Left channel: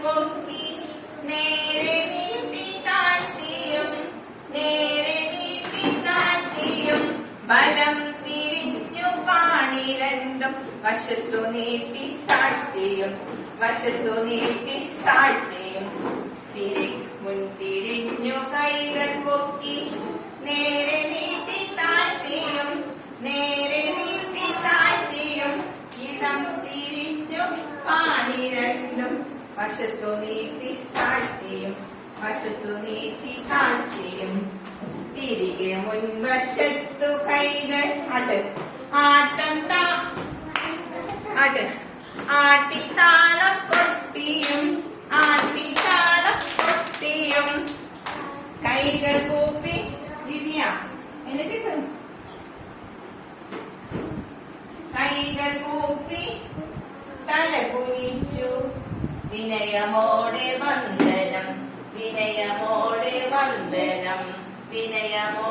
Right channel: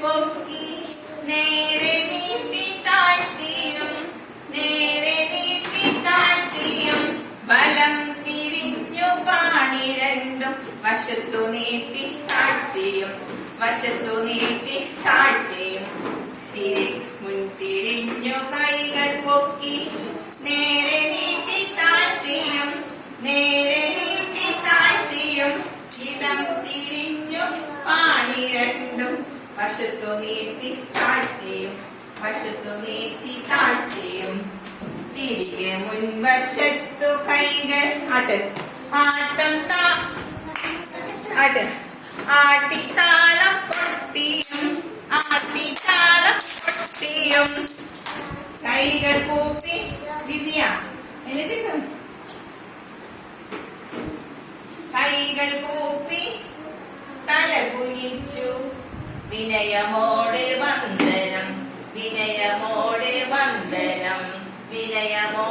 പൊക്കി നേരെ നീട്ടി താഴ്ത്തിയും നേരെ നീട്ടി താഴ്ത്തിയും ബലം തിരിഞ്ഞു പാണി രണ്ടും വശത്തു നീട്ടി താഴ്ത്തിയും വശത്തു നീട്ടി താഴ്ത്തിയും മുൻതിരിഞ്ഞു കൈകൾ പൊക്കി നേരെ നീട്ടി താഴ്ത്തിയും നേരെ നീട്ടി താഴ്ത്തിയും ഇടം തിരിഞ്ഞു പാണി രണ്ടും വശത്തു നീട്ടി താഴ്ത്തിയും വശത്തു നീട്ടി താഴ്ത്തിയും തിരികെ മുൻവശത്തു കൈകൾ ആട്ടം ആട്ടിത്താളം കൊട്ടിയും ആട്ടിത്താളം കൊട്ടിയും കൈകൾ കൂപ്പി ദിവ്യ കൈകൾ കൂപ്പി തല കുനിച്ചു വിനയമോടെ വന്ദനം വിനയമോടെ വന്ദനം വിനയമോ